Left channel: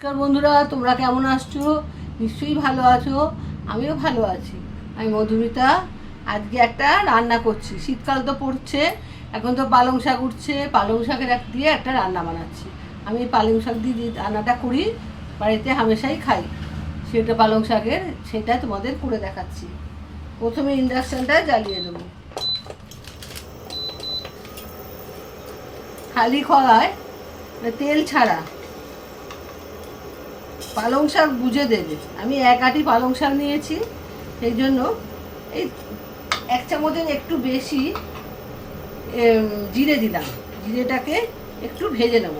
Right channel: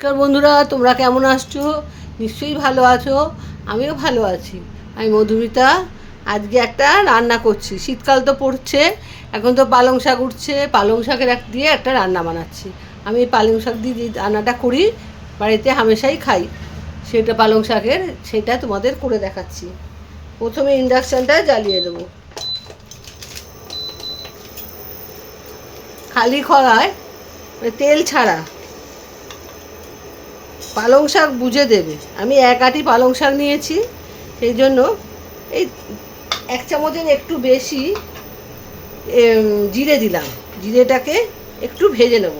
নমস্কার বন্ধুরা, তোমরা কেমন আছো? নিশ্চয়ই ভালো আছো। আমিও ভালো আছি। আমি মধুমিতা। আজকে একটা রান্না করছি। শীতকাল তো পড়ছে, এখন তো পালং শাক উঠছে। পালং শাকের দিয়ে একটা রান্না বানাচ্ছি। আমি পালং শাক দিয়ে যে রান্নাটা করি, বাড়িতে হামেশাই খাই, সেটা পালং শাকের, সেটা তোমাদের করে দেখাচ্ছি। প্রথমে ইন্ডাকশানটা জ্বালিয়ে দেবো। খালি কড়ায়, তেল ছাড়া পালং শাক বুঝে দেবে। আমি এক আটি পালং শাক নিয়েছি, সেই জন্য এই 1 চামচের একটু বেশি জিরে দিলাম। জিরেটাকে একটু ভেজে নেব।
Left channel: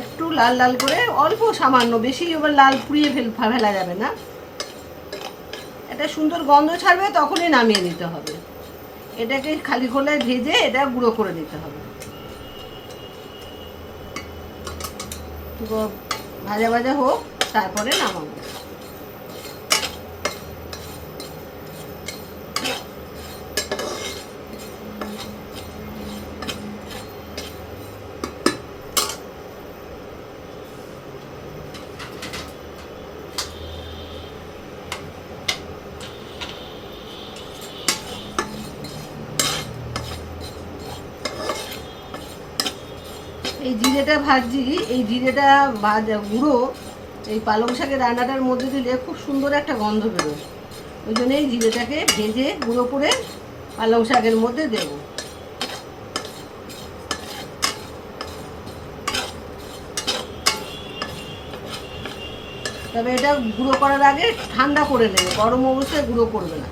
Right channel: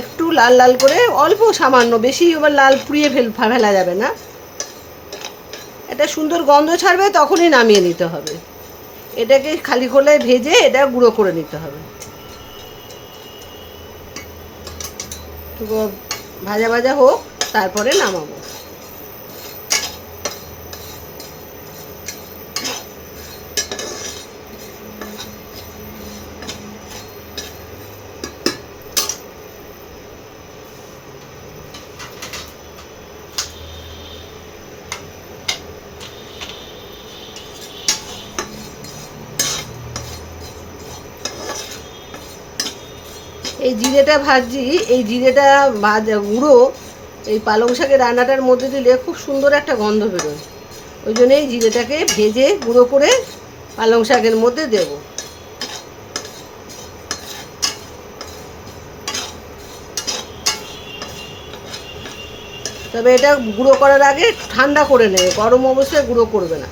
একটু লাল লাল করে, অল্প সামান্য, বেশি এবার লাল পুড়িয়ে ফেলা যাবে না। এটা সুন্দর গন্ধ ছাড়বে, তখনই নামিয়ে নিতে হবে। এটাকে খালি খোলায় ভেজে এটা গুঁড়ো করে নিতে হবে। ভাজা ভাজা হোক, তারপরে নামাবো। এই জিরেটা ভাজি, এই জিরেটা ভাজা গুঁড়ো এই পালং শাকের রান্নাটার মধ্যে দিলে খুব সুন্দর একটা গন্ধ বেরোয়। ওই জন্য এই জিরেটাকে ভেজে গুঁড়ো করে পালং শাকের মধ্যে দেব। তবে এটা গুঁড়ো করার আগে ঠান্ডা করে নেবে, গরম অবস্থায় গুঁড়ো করবে না।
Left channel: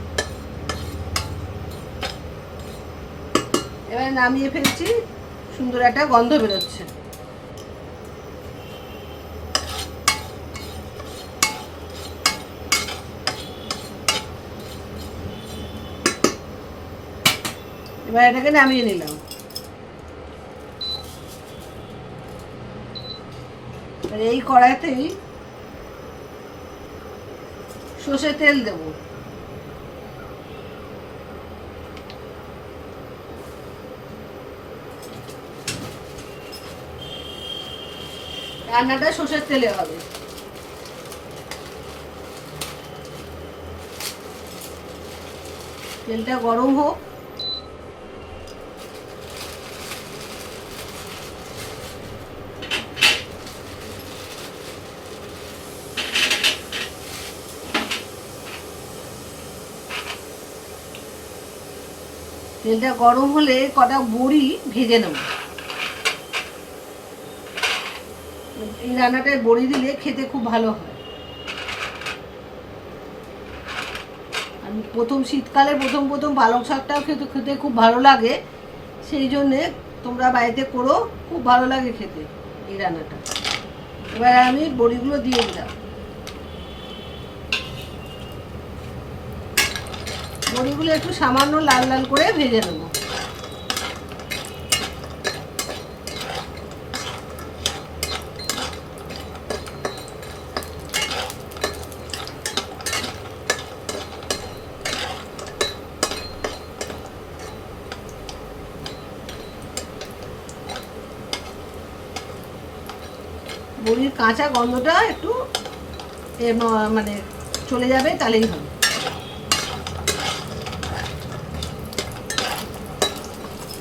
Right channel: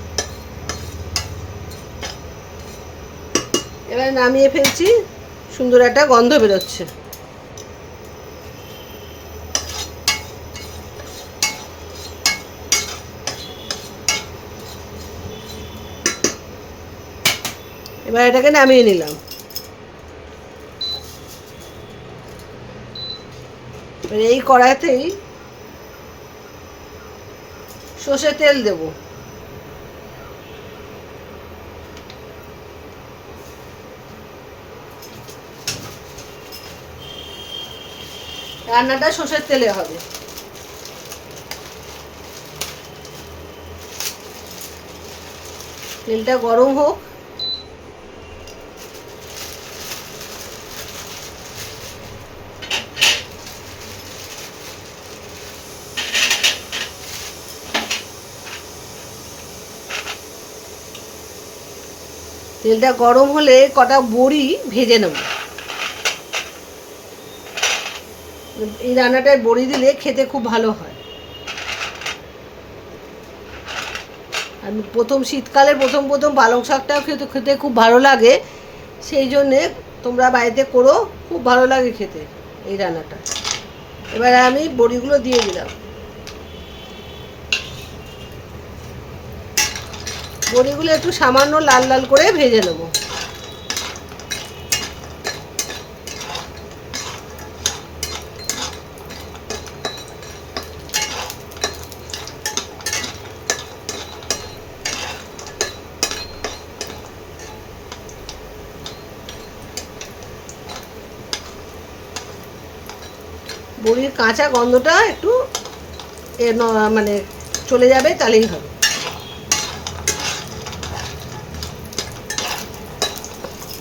এবার নামিয়ে ফেলছি, সুন্দর একটা গন্ধ বেরোচ্ছে। এবার এটাকে নামিয়ে নিলাম। এই কড়াইতেই সর্ষের তেল দেব। রান্নাটা সর্ষের তেলে হবে। তেলটা গরম হোক। তেলটা গরম হলে কটা বড়ি ভেজে নেব। এই রান্নাটায় বড়ি দিলে খেতে খুব ভালো হয়। আমি শীতকালে প্রথম পালং শাকটাও খেতে খেতে খুব ভালো লাগে। সেই জন্যে তোমরা বাড়িতে করো, খুব ভালো লাগে খেতে এই রান্নাটা। এবার আমি বড়িগুলো দিয়ে দিলাম। বড়িগুলো একটু সামান্য লাল লাল করে ভেজে নেব। বড়ির কাঁচা গন্ধটা একটু মানে চলে যাবে, তাহলেই হবে।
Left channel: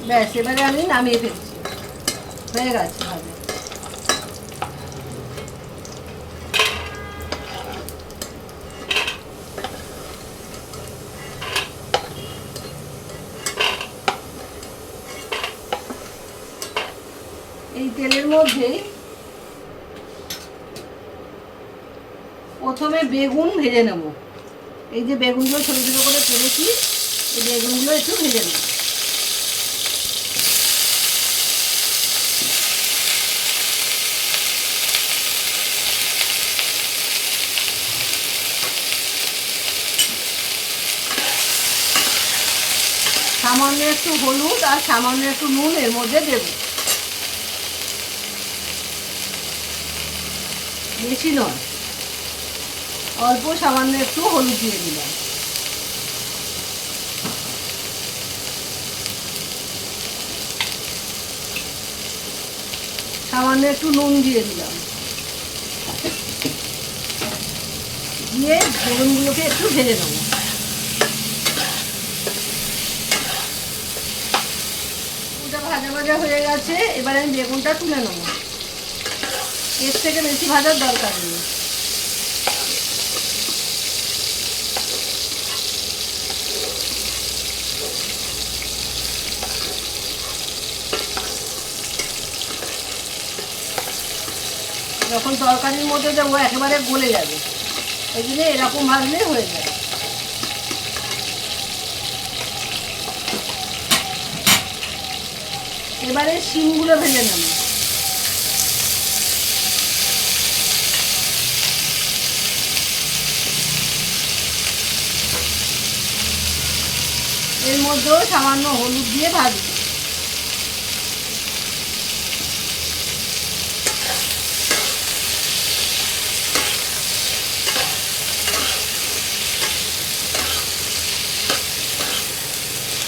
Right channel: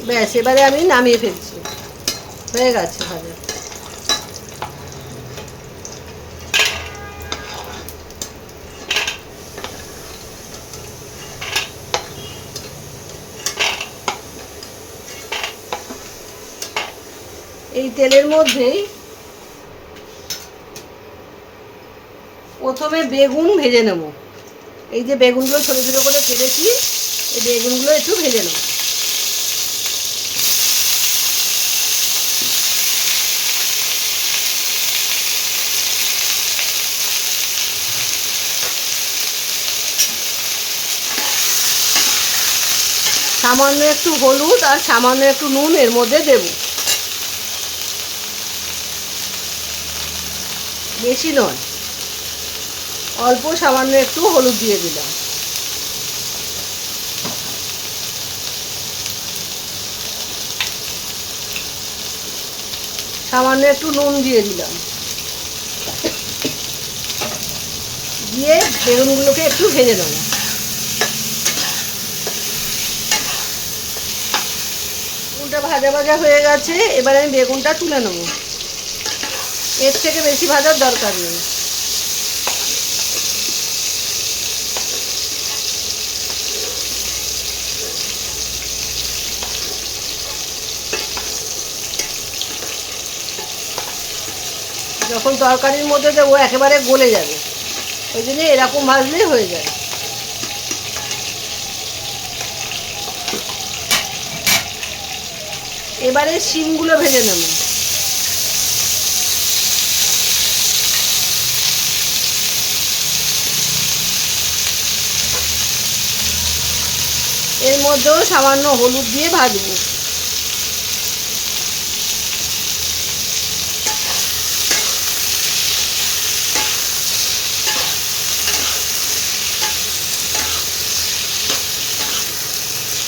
ব্যাস, এবারে আমি নামিয়ে ফেলছি। হয়ে গেছে ভাজা। এই তেলের মধ্যেই প্রথমে বেগুন ভেজে নেব। এই যে বেগুনগুলো ছোটো ছোটো করে কেটেছি, এই বেগুনগুলো একটু ভেজে নেব। সামান্য একটু হলুদ আর সামান্য একটু নুন এর মধ্যে দেব, বেশি নয়, অল্প সামান্য একটু হলুদ দিয়ে দিলাম। সামান্য একটু নুন দিয়ে দিলাম, দিয়ে বেগুনগুলোকে একটু ভেজে নেব। বেগুনটা ভাজা ভাজা হয়ে গেছে, এবারে আমি বেগুনটা তুলে নেব। এর থেকে বেশি ভাজার দরকার নেই। যখন তরকারির মধ্যে দেবো একেবারে গলে যাবে, এই জন্য এরকম ভাজলেই হয়ে যায়। এবারে শিমগুলো ভেজে নেব। এর মধ্যেও সামান্য হলুদ দিয়ে ভাজবো।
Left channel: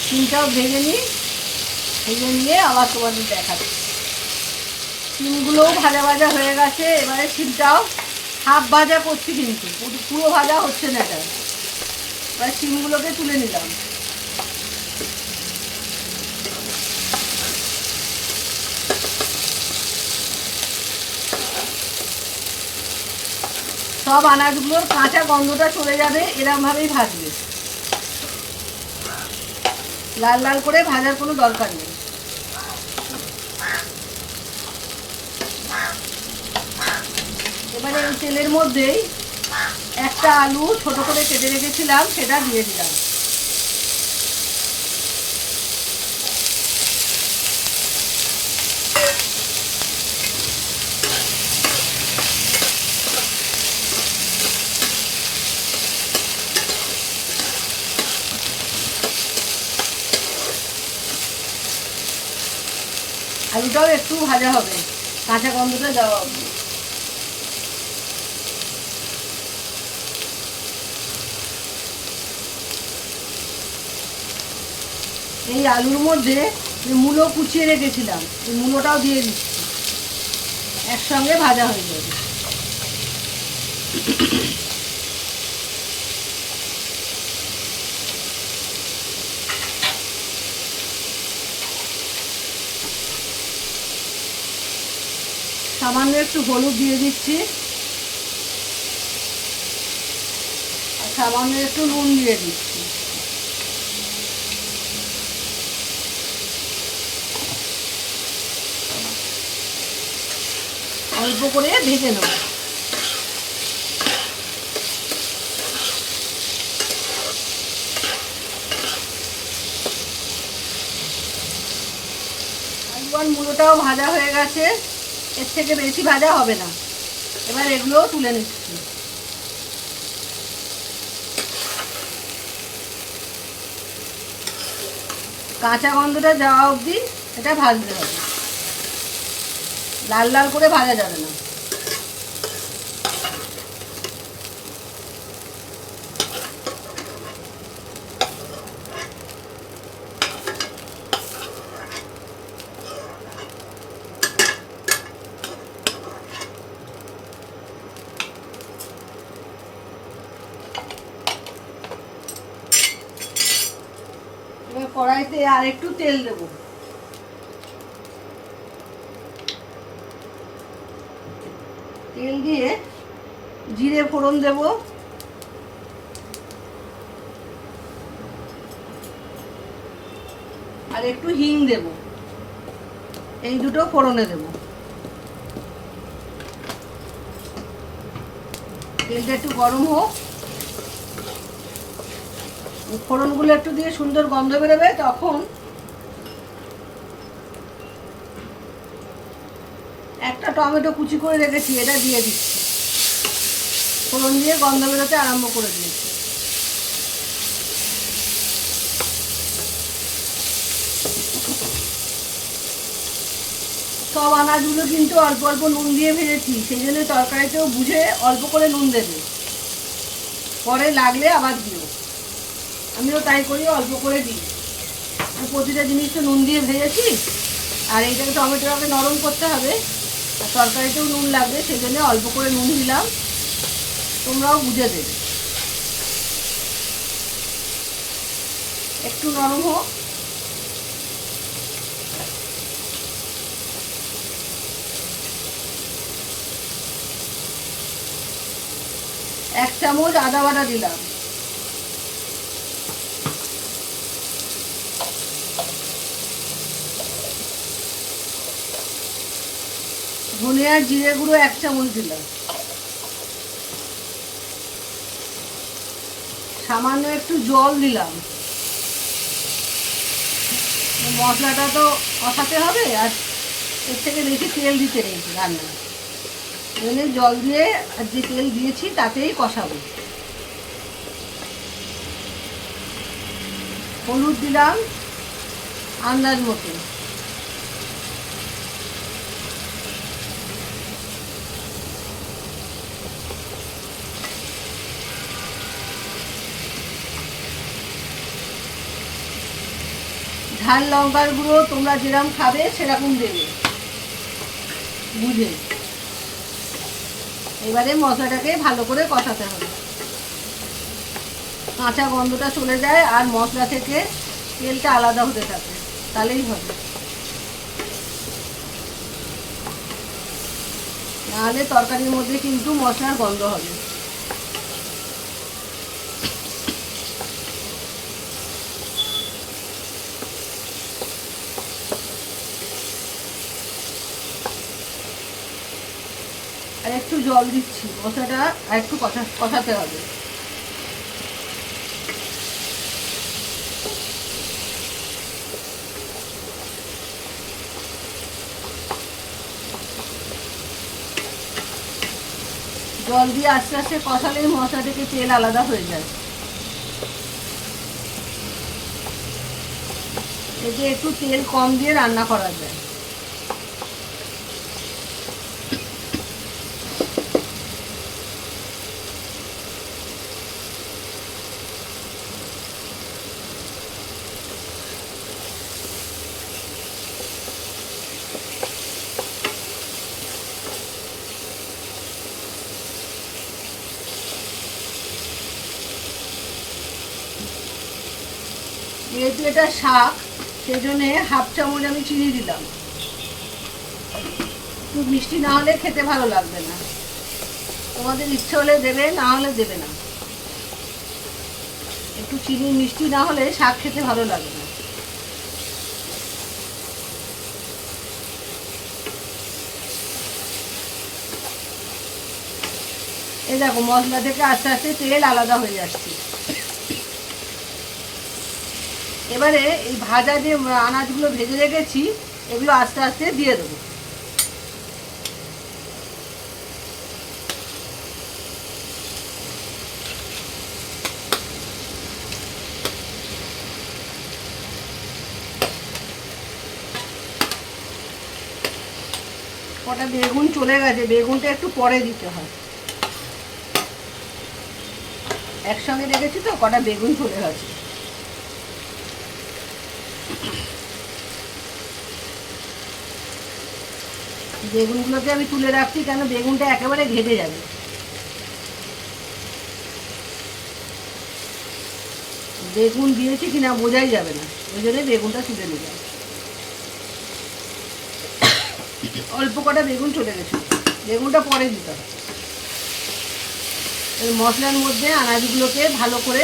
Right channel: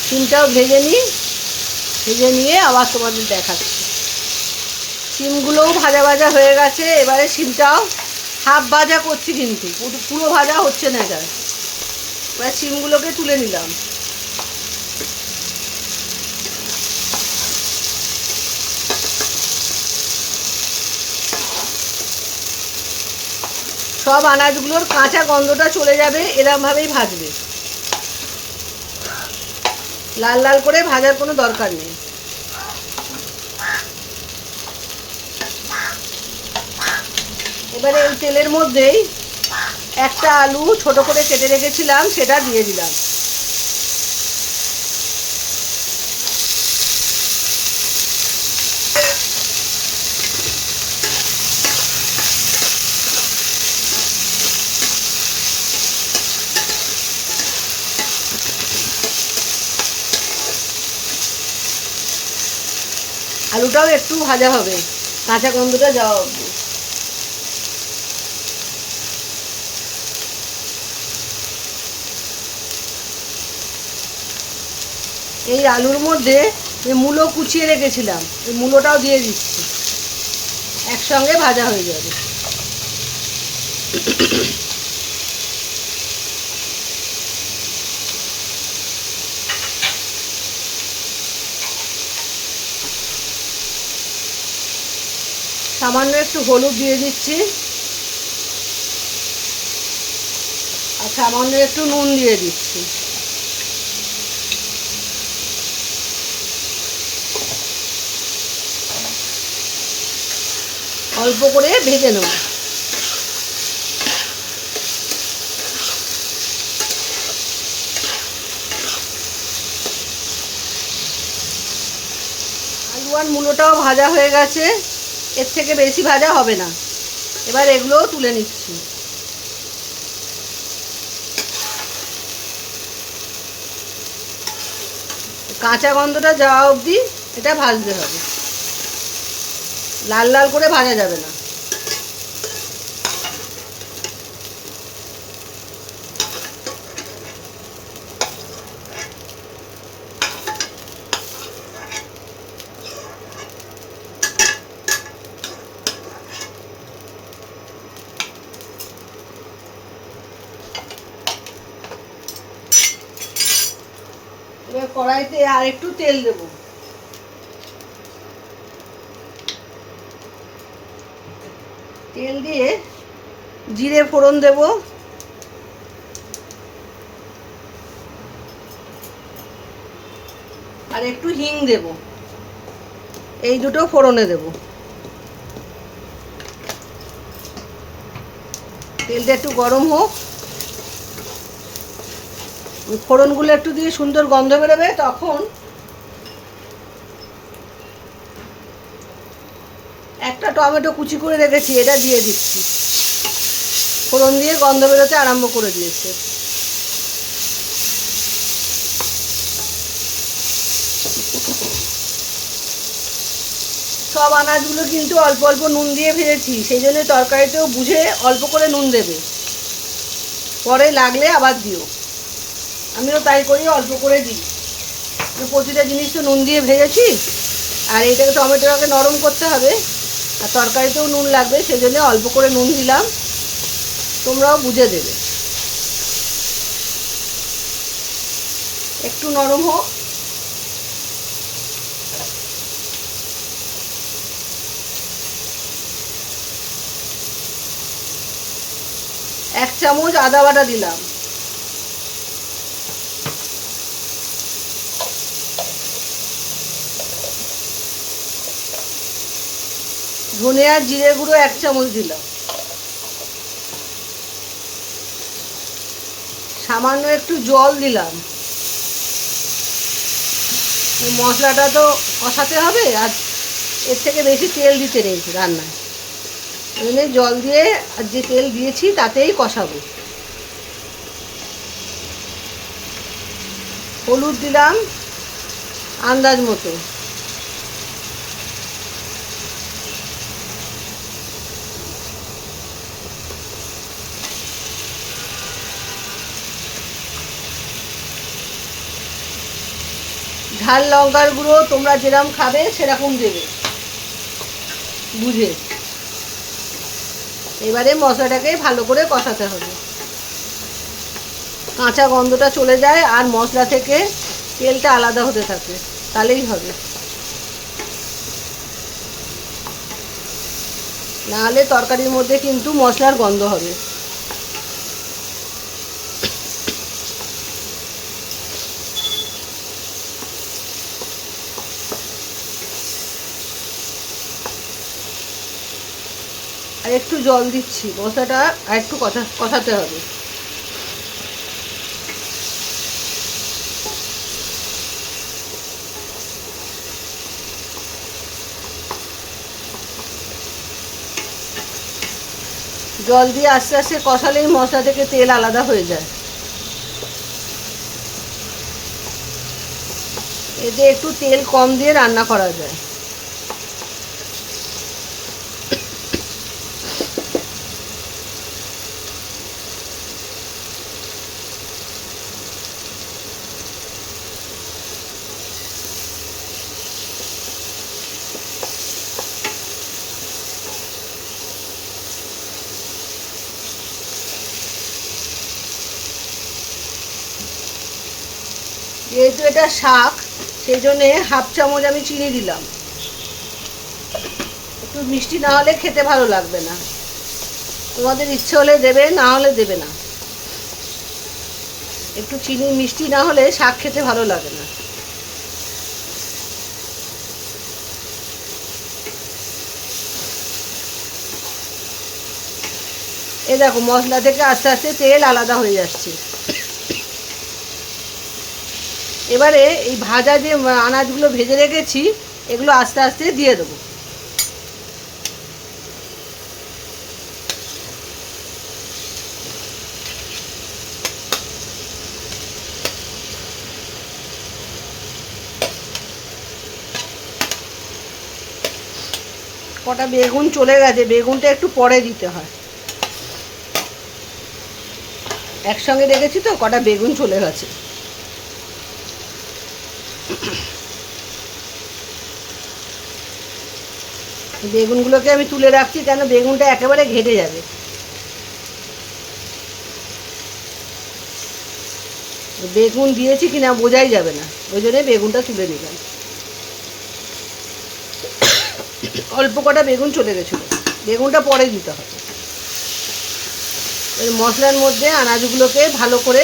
শিমটাও ভেজে নিই, ভেজে নিয়ে আবার তোমাদের দেখাচ্ছি। শিমগুলোও ভাজা ভাজা হয়ে গেছে, এবারে শিমটাও হাফ ভাজা করছি, কিন্তু পুরো ভাজা হচ্ছে না। এটা এবার শিমগুলোকে তুলে নিলাম। সব আনাজগুলোর কাঁচা গন্ধটা চলে যাবে, এরকমভাবেই ভাজবে। লাল লাল করে ভাজার কোনো দরকার নেই। এবারে এই তেলের মধ্যেই একটা আলু ছোট করে কেটে রেখেছিলাম, সেটা দিয়ে দিলাম। আলুটাও একটু ভাজা হবে, কাঁচা গন্ধটা যাওয়া অবধি। এই আলুর মধ্যে মূলো কুচিয়ে রেখেছিলাম, এই মূলোটাও দিয়ে দিচ্ছি, একসঙ্গে ভাজা হয়ে যাবে। সামান্য একটু হলুদ দিয়ে দিচ্ছি, আর সামান্য একটু নুন দিয়ে দিচ্ছি। অল্প করে ভেজে নেব। আলু আর মূলোটাও ভাজা হয়ে গেছে, এর থেকে বেশি ভাজা হবে না। এবার এগুলোও তুলে নিচ্ছি। কাঁচা গন্ধটা যাওয়া অবধি এটা ভাজতে হবে, লাল লাল করে ভাজা যাবে না। এবার কড়াইতে আর একটু তেল দেব। তেল দিয়ে জিরে ফোড়ন দেব, আর একটু হিং দেব। এই দুটো ফোড়নে দেব। তেলটা একটু গরম হোক, ফোড়নগুলো একটু দিয়ে সুন্দর গন্ধ বেরোবে, তখন একটা টমেটো কুচি করে রেখেছি, এটা দিয়ে দিচ্ছি। ফোড়ন দিয়ে গন্ধ বেরোতে আরম্ভ করে দিয়েছে। সব আনাজগুলো কিন্তু অল্প অল্প নুন দিয়ে ভেজেছি, সেই জন্য তরকারিতেও বুঝে অল্প করে নুন দেবে, পরে লাগলে আবার দিও। আমিও তাই করি, অল্প করে দিই। প্রতিটা জিনিস তো নুন দিয়ে ভেজেছি, আর এইটাকে টমেটোটাকে নরম করতে হবে, আর তরকারিতেও নুন লাগবে, সেই জন্য অল্প করে নুন দিলাম, তোমরাও বুঝে দেবে। একটু নরম হোক। এক চামচ আদা বাটা দিলাম, ধনে আর জিরে গুঁড়ো 1 চামচ দিলাম, সামান্য একটু জল দিলাম। মশলাটা তো কষাতে হবে, আর এর থেকে বেশি তেল দিতে নেই রান্নায়, এখানে জল দিয়ে আর যে তেল দিয়েছি তাতেই কষাবো। হলুদ দিলাম আন্দাজ মতো, ঝাল লঙ্কার গুঁড়ো তোমরা যেরকম খাবে সেরকম দেবে বুঝে। এবারে মশলাটাকে ভালো করে কষাতে হবে, কাঁচা গন্ধটা চলে যায় আর মশলা থেকে তেলটা আলাদা হতে থাকে, তাহলেই হবে। নাহলে তরকারির মধ্যে কিন্তু মশলার গন্ধ হবে। আর একটু জল দিচ্ছি, মশলাটা আর একটু কষাতে হবে। জল দিয়ে আস্তে আস্তে কষালেই মশলা থেকে তেল আলাদা হয়ে যায়। এতে একটু তেল কম দিয়ে রান্না করা যায়। যেহেতু এটা শাক, সেই জন্যে 1/2 চামচ আমি চিনি দিলাম। একটু মিষ্টি না হলে খেতে ভালো লাগবে না, তোমাদের ইচ্ছে হলে দেবে, না হলে দেবে না। একটু চিনি মিষ্টি না হলে শাক খেতে ভালো লাগে না। এই দেখো মশলা থেকে আস্তে আস্তে তেল আলাদা হয়ে যাচ্ছে। এবারে এই ভাজা যে আনাজগুলো ভেজে রেখেছি এগুলো আস্তে আস্তে দিয়ে দেবো। কটা বেগুন চলে গেছে, বেগুনটা একটু পরে দিতে হয়, একসঙ্গে রেখেছি তো কটা বেগুন চলে গেছে। বেগুনগুলোকে আমি তুলে রাখছি, কেন বেগুনটা একেবারে ঘেটে যাবে। বেগুন দিয়েছি কিনা বোঝাই যাবে না, ওই জন্য বেগুনটা তুলে দিলাম। অল্প কটা বেগুন চলে গেছিল, বেগুনটা পরে দিতে হবে। এই মশলার মধ্যে আনাজগুলোকে ভালো করে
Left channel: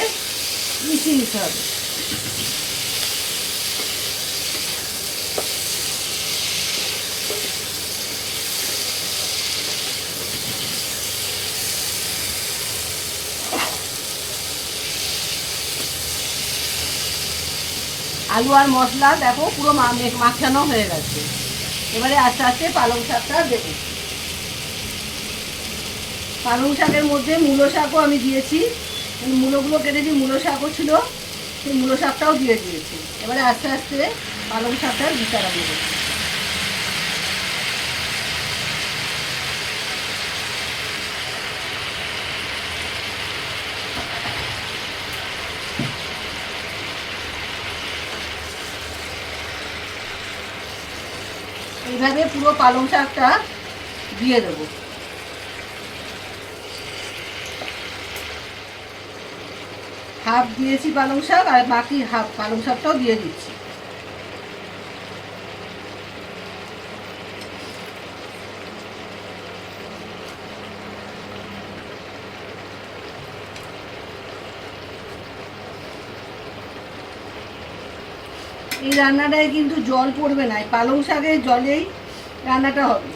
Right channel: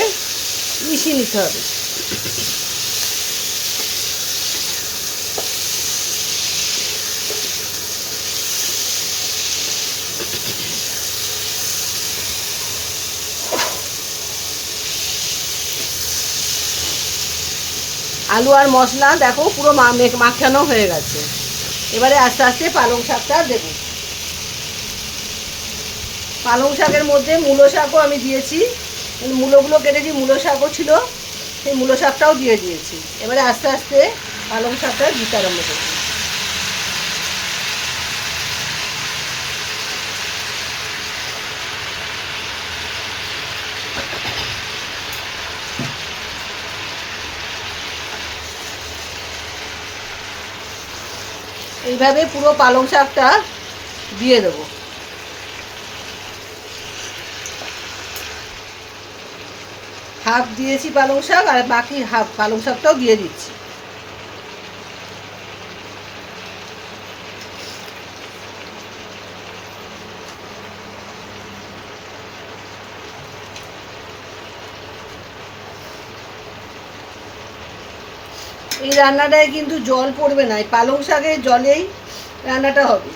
মিশিয়ে নিতে হবে। আলু আর মশলা দেখো পুরো মাখানো হয়ে গেছে। এবারে আস্তে আস্তে পালং শাকটা দেবো। পালং শাকের মধ্যে মূলো শাকও আমি দিয়েছি, মূলোগুলো কেটেছি, মূলো শাকও ছিল, সেই মূলো শাকটাও দিয়ে দিয়েছি। এবারে আস্তে আস্তে পালং শাকটা দিতে আরম্ভ করছি। এইভাবে পুরো পালং শাকটা দিয়ে দেবো। হাফ দিয়েছি পালং শাক, আর বাকি হাফ পালং শাকটাও দিয়ে দিচ্ছি। এই রান্নাটায় কিন্তু জল পড়বে না, এই পালং শাকের জলেই রান্নাটা হবে।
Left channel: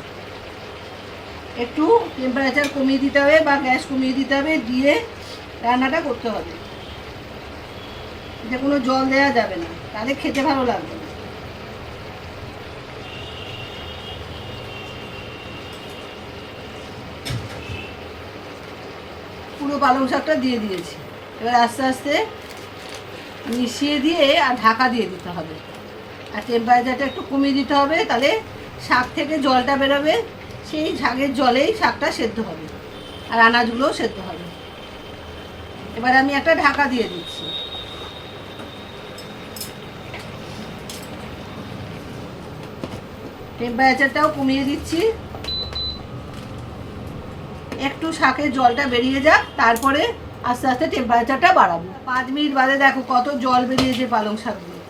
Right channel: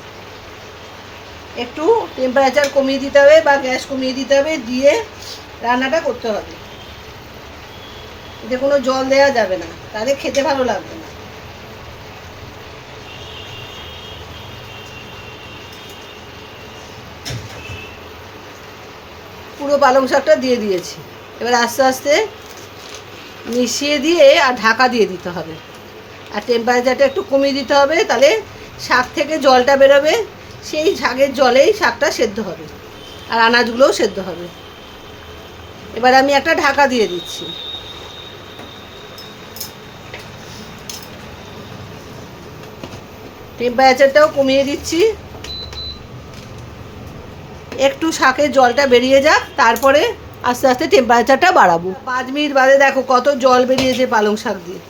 একটু টেম্পারেচার কমিয়ে দিতে হবে বা গ্যাস কমিয়ে দিতে হবে, দিয়ে রান্নাটা করতে হবে। এতে কোনো জল দেওয়া যাবে না, তাহলে খেতে ভালো লাগবে না। পুরো পালং শাকটা দিয়ে দিয়েছি। এবার আস্তে আস্তে মিশিয়ে দিয়ে আর ঢাকা দিয়ে দিতে হবে, আর টেম্পারেচারটা একটু কমিয়ে দিতে হবে, তাহলে শাক থেকে জলটা বেরোবে, সেই শাকের জলেই শাকটা সেদ্ধ হবে আর আনাজগুলোও সেদ্ধ হবে। এবার আমি একটা ঢাকা দিয়ে দিচ্ছি। টেম্পারেচারটাও কমিয়ে দিচ্ছি, একটু শাকের জলটা বেরিয়ে যাক, তারপরে আস্তে আস্তে টেম্পারেচারটা বাড়াবো। 5 মিনিট বাদে দেখো কত জল বেরিয়েছে পালং শাক দিয়ে,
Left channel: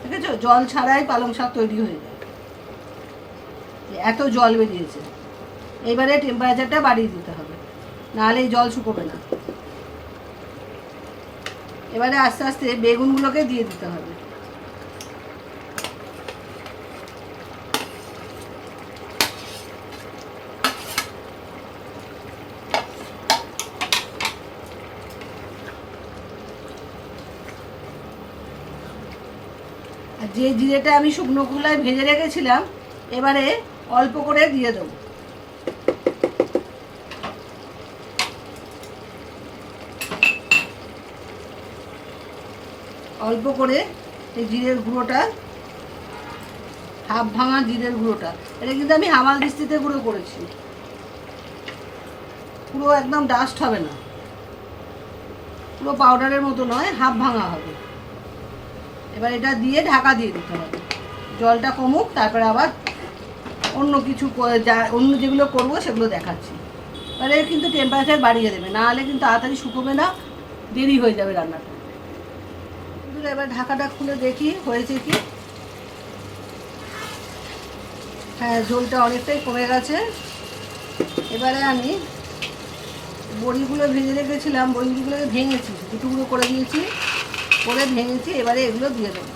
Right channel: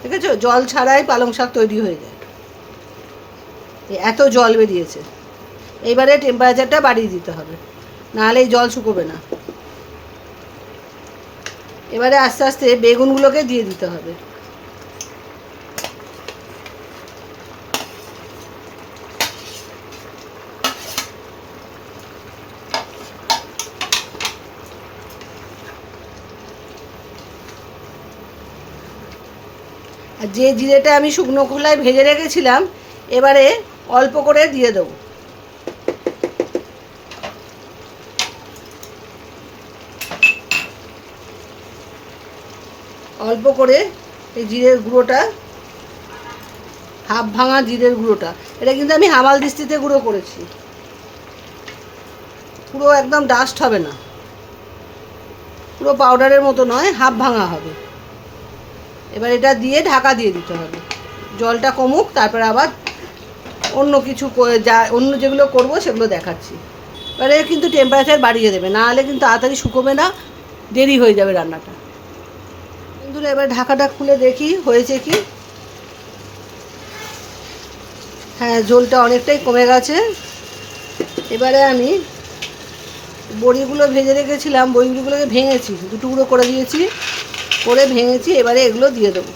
ঠিক আছে? জল ছাড়াই পালং শাক তৈরি হয়ে যায়, এত জল বেরিয়েছে। এইবারে টেম্পারেচারটা বাড়িয়ে দিতে হবে, নাহলে এই জল শুকোবে না। এবারে আস্তে আস্তে বেগুনগুলোকে দিয়ে দিতে হবে। আর যে জিরেটা আমি শুকনো খোলায় ভেজে রেখেছিলাম, এবারে অল্প করে দিয়ে দেবো। অল্প করে এই জিরের গুঁড়োটা, হাফ ভাঙা জিরের গুঁড়োটা, এটা কিন্তু আমি হামাল দিস্তিতে গুঁড়ো করেছি, পুরো একদম ডাস্ট হবে না, পুরো পাউডারের মতো নয়, হাফ ভাঙা হবে। এবার এটা দিয়ে ঢাকা দিয়ে দিতে হবে, জলটা কমুক, তারপর আবার অন্য কিছু অন্য যেগুলো করব সেগুলো দেখাচ্ছি। এবারে কিন্তু টেম্পারেচার বাড়িয়ে দেবে, না হলে কিন্তু তাড়াতাড়ি শুকোবে না, দেরি হয়ে যাবে রান্নাটা। কিন্তু এবার ঢাকাটা খুলে দেখি হয়েছে কি। হ্যাঁ, ঝোলটা অনেকটাই কমে গেছে। এবারে আমি বড়িগুলো ভেজে রেখেছিলাম, বড়িগুলোকে ভেঙেছি, দুটুকরো করে দিয়েছি, করে ভেঙেছি। এবারে এগুলো দিয়ে দেবো,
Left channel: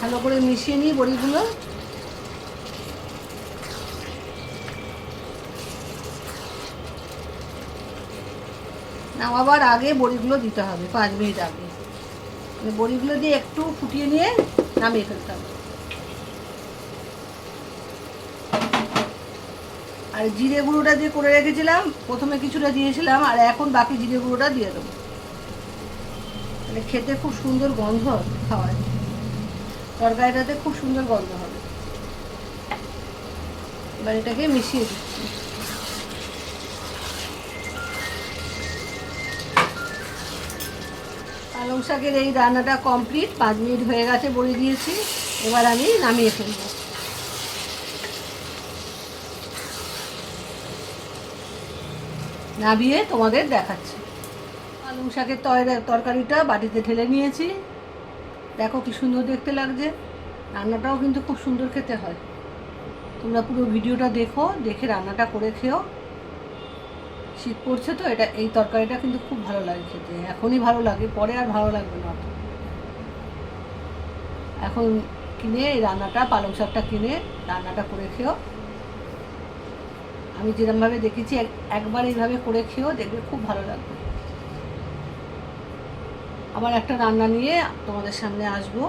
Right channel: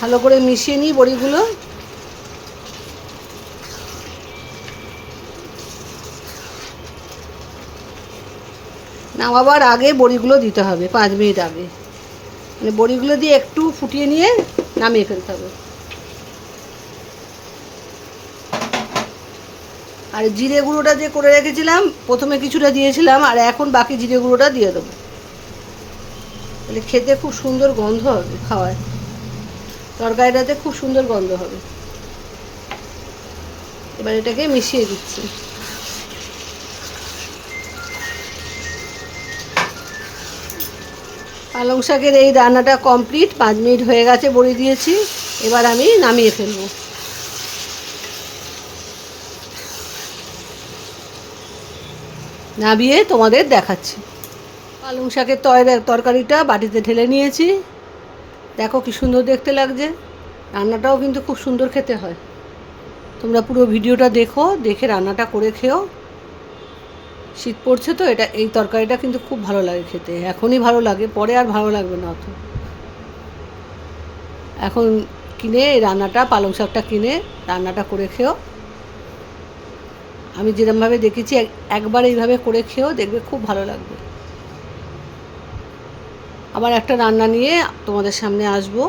ভালো করে মিশিয়ে নিই বড়িগুলো। নামাবার আগে বড়িগুলো দিতে হবে, 5 মিনিট আগে, মানে বড়িগুলো দিয়ে একটু ফুটিয়ে নিয়ে নামিয়ে ফেলতে হবে। আর জিরে গুঁড়োটা যে করে রেখেছিলাম, প্রথমে কিছুটা দিয়েছিলাম, আর এখন বাকি জিরে গুঁড়োটা দিয়ে দেবো, মানে খেতে খুব সুন্দর গন্ধ হবে, খাওয়ায় তরকারিটাতে খুব সুন্দর গন্ধ হবে। এবার এটাকে মিশিয়ে দিচ্ছি। পালং শাকের এই রান্নাটা কমপ্লিট, 5 মিনিট হয়ে গেছে, বড়ি দিয়েছি। এবার আমি নামিয়ে ফেলবো। নামিয়ে তোমাদের দেখাচ্ছি। পালং শাকের তরকারিটা বাটিতে ঢেলে নিয়েছি, দেখো কি সুন্দর দেখতে লাগছে। রান্নাটাও কিন্তু খুব সুন্দর খেতে হয়। তোমরা পুরো ভিডিওটা দেখো, দেখে রান্নাটা করে খেও। শীত পড়ছে তো, এই তরকারিটা কিন্তু খুব ভালো লাগে খেতে, এখনই ভালো লাগে, পরে আর ভালো লাগবে না অত। এখন কিনে এই রান্নাটা, পালং শাকটা কিনে রান্নাটা করে খেও। আমি যেরকমভাবে দেখেছি, একবার এইভাবে করে খেও, দেখবে খুব ভালো লাগবে। আবার একটা রান্না নিয়ে তোমাদের সামনে আসবো।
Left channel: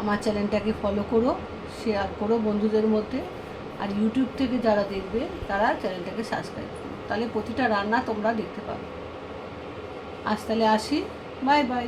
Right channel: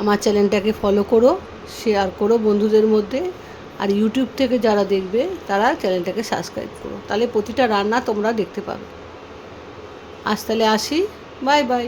আমার চ্যানেলটাকে ফলো করো, শেয়ার করো বন্ধুদের মধ্যে, আর ইউটিউব থেকে যারা দেখবে তারা চ্যানেলটাকে সাবস্ক্রাইব করো, তাহলে প্রতিটা রান্না তোমরা দেখতে পাবে। আজ তাহলে আসি, বাই বাই।